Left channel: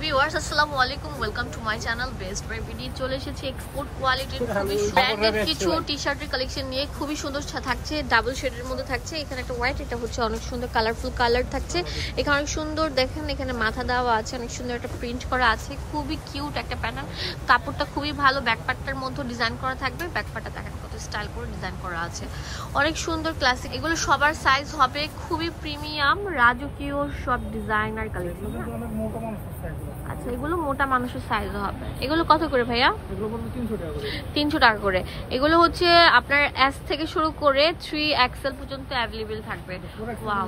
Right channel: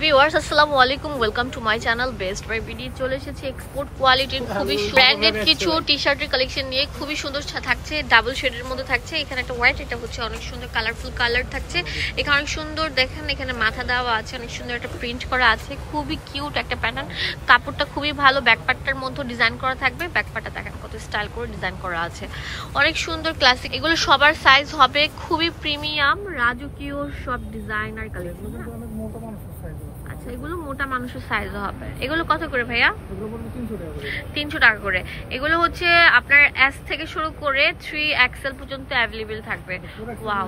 Viewers আসসালামু আলাইকুম, welcome to my channel best buy BD. চলে এসেছি এক্সপোর্ট কোয়ালিটির খুবই ব্র্যান্ডেড কিছু টি শার্টের কালেকশন নিয়ে। খুবই সুন্দর থাকছে, ডাবল শেডের মধ্যে থাকছে। এখানে একটা হোয়াইট, এটা হচ্ছে অনেক সুন্দর কালারফুল কালার থাকছে। এখানে অনেক সুন্দর দেখেন, এখানে মাথা দেওয়া আছে, অনেক সুন্দর একটা প্রিন্ট করা আছে, খুবই কিউট একটা প্যাটার্ন। কাপড়টা খুবই ভালো, ব্যাকপার্টটার মধ্যে ডিজাইন করা থাকবে। ব্যাকপার্টটা দেখেন কত স্টাইল করে ডিজাইন করা আছে, অনেক সুন্দর ক্লাসিক। এগুলো সবার সাইজ হবে, খুবই প্রিমিয়াম রাজকীয় সব ডিজাইনার কালেকশন। আচ্ছা, এগুলো মোটা মানুষের সাইজ হবে। এগুলো কত করে ভাইয়া? এগুলো পড়বে 300 টাকা করে। এগুলো হচ্ছে আপনার এস থেকে শুরু করে 3XL পর্যন্ত অ্যাভেলেবেল থাকবে। ওয়াও,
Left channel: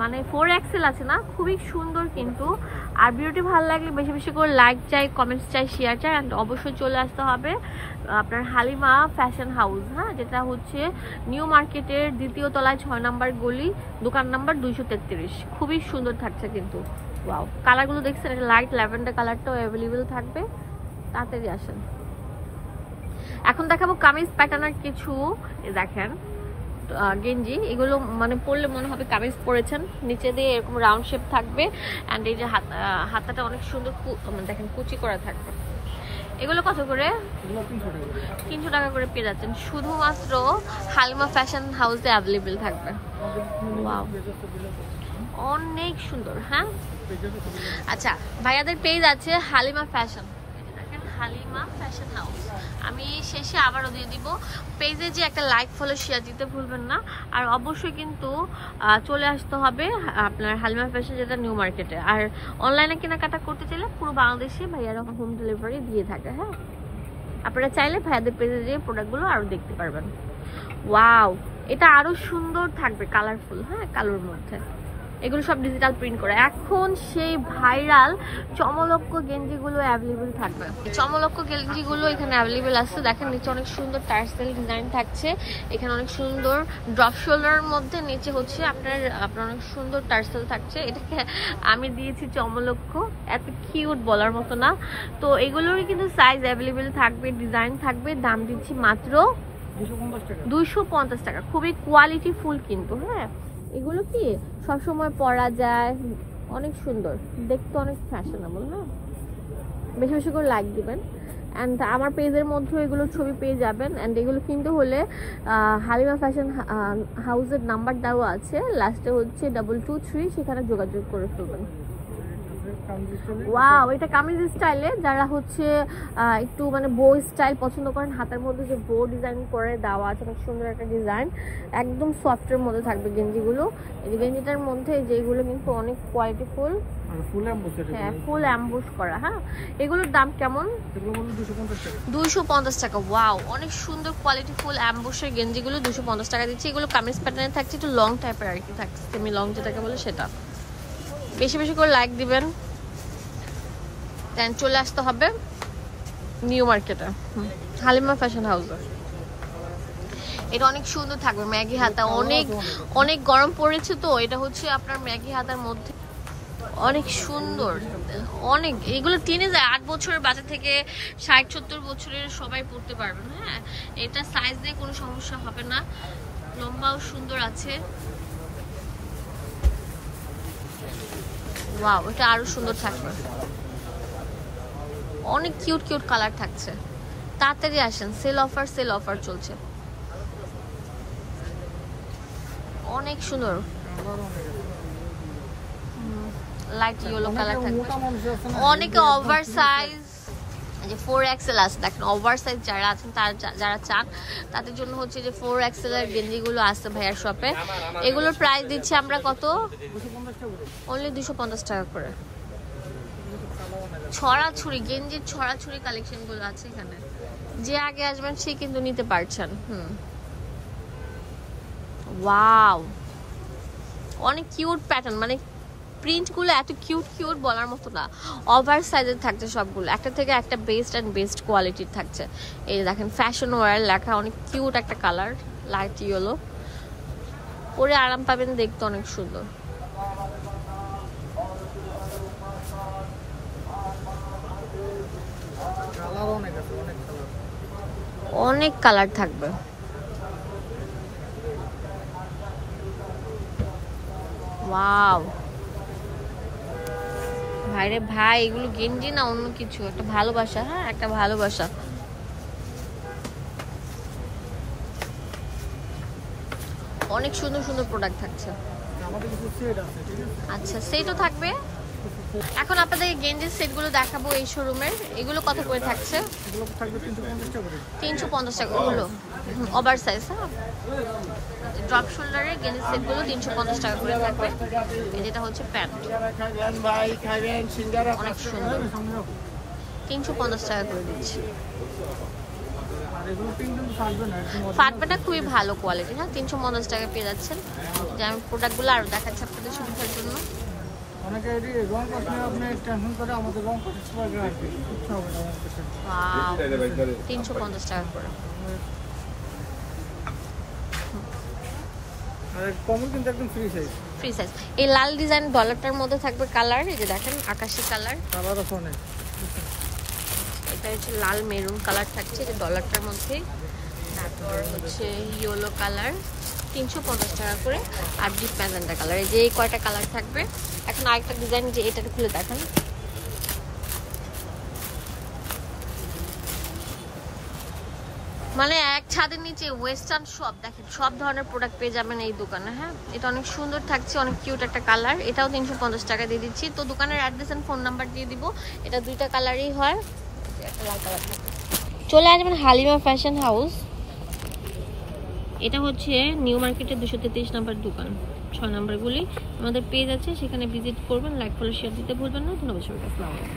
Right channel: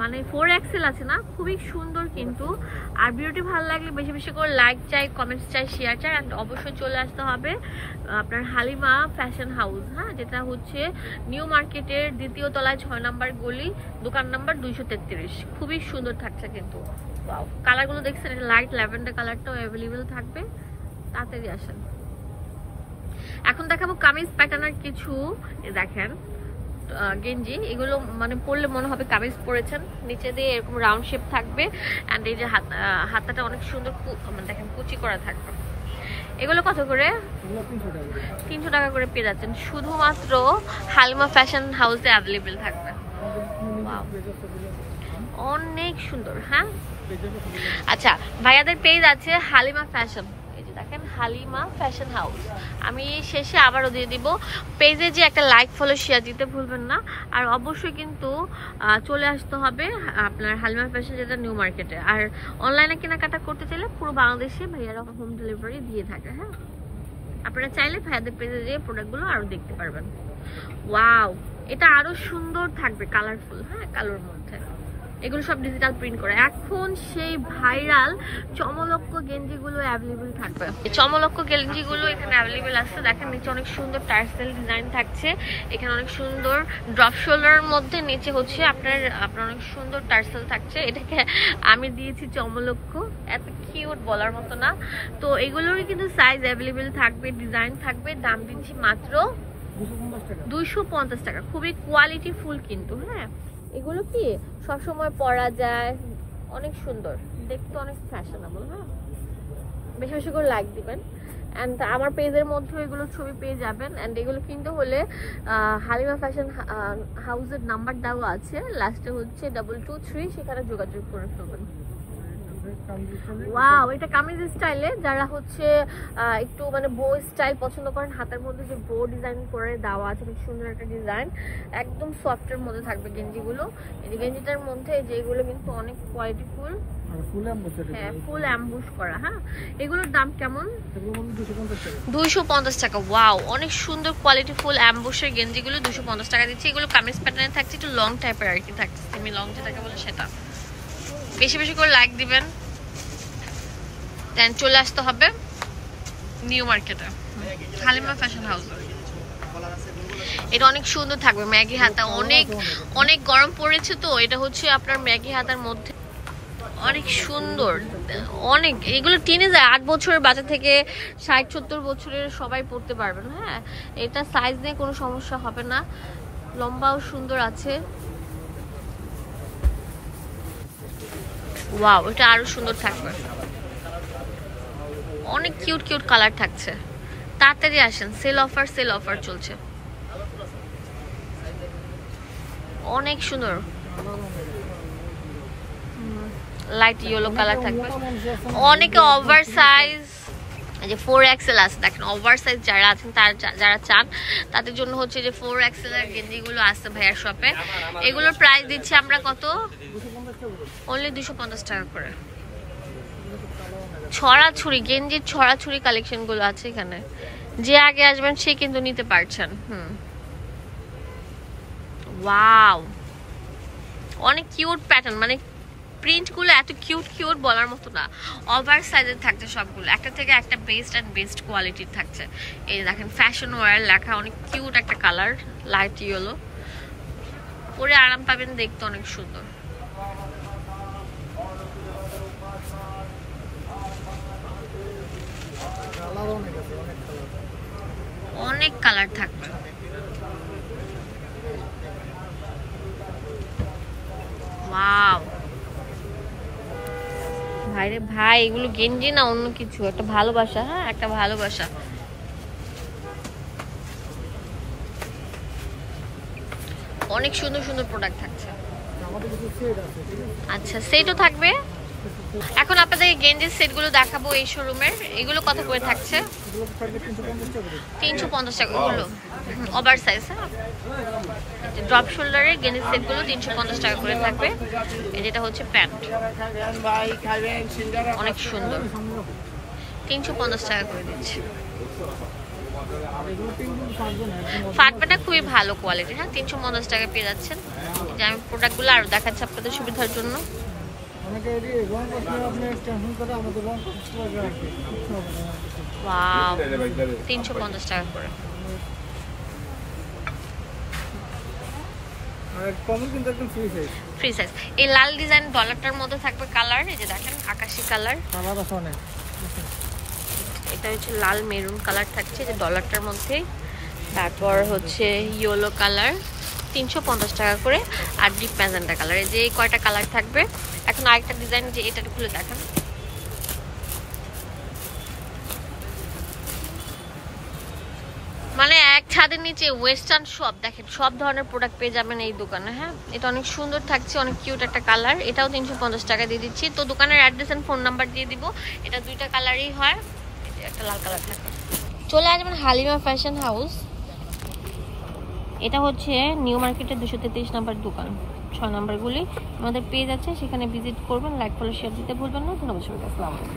মানে 4XL আছে না, খুবই সুন্দর কিন্তু। আর ভিডিওটি ভালো লাগলে বেশি বেশি করে লাইক চাই, কমেন্টস চাই, শেয়ার চাই। অ্যান্ড অবশ্যই চলে আসতে হবে আপনার হালিমা ফ্যাশন হাউস, হ্যাঁ, যেটা হচ্ছে নিউ মার্কেটের 2য় তলায় 6 নম্বর গলি, দোকান নাম্বার 233। খুবই সুন্দর থাকছে কিন্তু। ওয়াও, কালারগুলো দেখছেন, এটা লাইট ল্যাভেন্ডার কালারটাও অ্যাভেলেবেল থাকবে। তাড়াতাড়ি আসেন। এখন দেখাবো কামিজ প্যাটার্নের কিছু। দেখেন গেঞ্জি, এগুলো মানে পরলে মনে হবে কামিজ পরেছেন। নিচে দিয়ে এরকম রাউন্ড শেপ থাকবে, অ্যান্ড এই যে হাতাটা অনেক সুন্দর দেখেন কুচি করা থাকবে। এগুলো কত করে? 300 টাকা করে পেয়ে যাচ্ছেন, শুধুমাত্র হালিমা ফ্যাশন হাউসে অ্যাভেলেবেল থাকবে। অনেক সুন্দর। হ্যাঁ, আচ্ছা, ভাইয়াদের পেজ আছে হালিমা ফ্যাশন, দেখেন হালিমা ফ্যাশন হাউস। আমি শেষে আবারও দিয়ে দিব। পেজে যে একটা লাইক ফলো শেয়ার দিতে ভুলবেন না। আর অবশ্যই কিন্তু চলে আসতে হবে আপনার হালিমা ফ্যাশন, যেটা নিউ মার্কেটে। আর অনলাইনে কেনাকাটা করতে চাইলে পুরো বাংলাদেশে ভাইয়ারা হোম ডেলিভারি দিয়ে থাকে। হ্যাঁ, আপনারা চাইলে ভাইয়াদের পেজে যে প্রোডাক্টগুলো আরো দেখতে পারবেন। ওয়াও, এটা আরো সুন্দর থাকবে, কালারফুল। হ্যাঁ, কালোর মধ্যে এগুলো সব ডিজিটাল প্রিন্ট করা। এখন সেই ভাইরাল চমলক্ষ গেঞ্জিগুলো অ্যাভেলেবেল থাকবে। চমলক্ষ গেঞ্জিগুলো এখানে অ্যাভেলেবেল আছে। দেখেন নিচে অনেক সুন্দর টার্সেল ডিজাইন থাকছে, এখানে অনেক সুন্দর ড্রপ শোল্ডারের মধ্যে নিচে হচ্ছে আপনার অনেক সুন্দর টার্সেল থাকছে। এটাকে আমি দিয়েছি চমলক্ষ, এত কিউট বলার মতো না। তো এগুলোরই কিন্তু সাইজ অ্যাভেলেবেল থাকবে, ডিজাইন থাকবে। দাম দিচ্ছি মাত্র 250 টাকা। খুবই কোয়ালিটি ফুল কিন্তু। হ্যাঁ, এগুলো কি সবসময় পরা যায়, অনেক সুন্দর দেখতে, অনেক ফ্যাশনেবল। হ্যাঁ, বেশি বেশি করে লাইক দিবেন। অ্যান্ড আমার পেজের মধ্যে এগুলো ছবি পেয়ে যাবেন। অ্যান্ড এগুলো কিনতে হলে হালিমা ফ্যাশন হাউসের নাম্বার দেওয়া আছে, লাস্টে হচ্ছে 223, সেখানে যোগাযোগ করে ফেলবেন। ওয়াও, এটা কামিজ স্টাইলে যারা হচ্ছে একটু মানে বো স্টাইল পছন্দ করেন, হাতের মধ্যে যে বো ডিজাইন করে দেওয়া আছে, অনেক সুন্দর একটা ডিজাইন, একদম সফটের মধ্যে থাকবে গেঞ্জিগুলো। এই গেঞ্জিটার মধ্যে যেগুলো কিন্তু অনেক কোয়ালিটিফুল, হ্যাঁ, ফুল অ্যাম্বুশ করা। হ্যাঁ, এগুলোর দাম কেমন? 250 টাকা। ওয়াও, অনেক সুন্দর কোয়ালিটি ফুল অ্যাম্বুশের গেঞ্জিগুলো 250 টাকা দিচ্ছি। এগুলো কামিজ প্যাটার্নে থাকছে, একটু লং টাইপের আর কি থাকছে, সেমি লং যেটাকে বলে সেটা। বেশি বেশি করে লাইক দিবেন। দেন চলে আসতে হবে নিউ মার্কেটে হালিমা ফ্যাশন হাউস। এটা অনেক সুন্দর থাকবে, ম্যাগি হাতা। অনেক অনেক গরম পড়েছে, তো এটা হচ্ছে আপনার ম্যাগি হাতার মধ্যে অনেক সুন্দর। অনেক এগুলো টিনেজার 8 বছরের বাচ্চা থেকে 60-70 বছরের সবাই পড়তে পারবেন। হ্যাঁ, এটা সাইজ নিয়ে কোনো সমস্যা হবে না, লম্বাও সুন্দর আছে। ওয়াও, এটা আরো সুন্দর থাকবে, অনেক কিউট কিউট কালার থাকছে। তাড়াতাড়ি আসেন, সেল অফার চলছে। অনেক সুন্দর লাইট ইয়েলো কালার থাকবে। অনেকে ওভার সাইজ, যে 4XL আছে, দেখেন ওভার সাইজ যারা আছেন, যারা চান তাদের জন্য হচ্ছে যে 4XL এর গেঞ্জিগুলো আছে ভাইয়ার শপে। এগুলোর প্রাইস দিচ্ছি আমরা কত? অনলি 250 টাকা করে। ছড়াছড়ি গেঞ্জির ছড়াছড়ি কালেকশন গুলো আছে এখানে, যে আগে আসবেন সে কিন্তু নিতে পারছেন। ওয়াও, অনেক কিউট প্যাটার্ন, মানে প্রিন্ট গুলো এত কিউট কিউট বলার মতো না। ওভার সাইজের থাকছে সবগুলো, একটা থেকে একটা বেস্ট কোয়ালিটির থাকছে। এই দেখেন ফ্যাশন ওয়্যার লেখা, অনেক কিউট একটা কালার, লাইট ইয়েলো, পরে আরাম পাবেন, দেখতে অনেক সুন্দর। অনেক কালার থাকবে। ওয়াও, ভাই রে ভাই, এগুলো গেঞ্জি না অন্য কিছু, একটা ভালোবাসা। হ্যাঁ, একটা ভালোবাসা। অনেক সুন্দর সুন্দর প্রোডাক্ট থাকছে। আচ্ছা, সেটও থাকবে। এখন আপনাদের গেঞ্জির সেটগুলো দেখাবো এই শোরুমের। এগুলো কত করে থাকছে? 350 টাকা। এগুলো ওভার সাইজ। হ্যাঁ, ড্রপ শোল্ডারের গেঞ্জির সেটগুলো 350 টাকা করে থাকবে। যেটা হচ্ছে প্যান্ট, অনেক সুন্দর, 350 টাকা করে দিচ্ছে। ফাটবে না, খুবই ভালো কোয়ালিটি। হ্যাঁ, 350 টাকা পেয়ে যাচ্ছেন। যে আমি প্রোডাক্টগুলো আরো দেখাচ্ছি আপনাদের সুবিধার জন্য। 350 টাকা করে। Free size. এই লাল ডিজাইন ডলারটার মধ্যে থাকবে কালার, এই যে দেখেন আকাশি কালার। এটা হচ্ছে লাল মেরুন কালার থাকছে যে ডলারটার মধ্যে। তারপর হচ্ছে ইয়েলো কালার 350 টাকা করে। আর ডিপ ম্যাজেন্টা কালার, এই যে কয়টা কালার থাকবে। এখন আরেকটা ডিজাইন, যে এটা খুলে দেখান। মানে এক ছাদের নিচে ওয়েস্টার্ন শপ, দেখেন সব ধরনের প্রোডাক্ট পেয়ে যাবেন এই দোকানে। হ্যাঁ, এটা অনেক সুন্দর থাকছে, অনেক কিউট একটা কালার। এটাও 350 টাকা দিয়ে দিচ্ছি। তো দোকানের অ্যাড্রেস এন্ড ফোন নাম্বার দিয়ে দিব। এটা দুইটা কালারই হয়, একটা লাল কালার থাকে। চলে আসবেন হালিমা ফ্যাশন হাউস। এটা হচ্ছে নিউ মার্কেটের 233 নাম্বার দোকান, 6 নাম্বারগুলি আমাদের পেজ আছে, সেখানে ভিজিট করবেন। লাইক ফলো শেয়ার দিতে ভুলবেন না। ধন্যবাদ সবাইকে। আসসালামু আলাইকুম।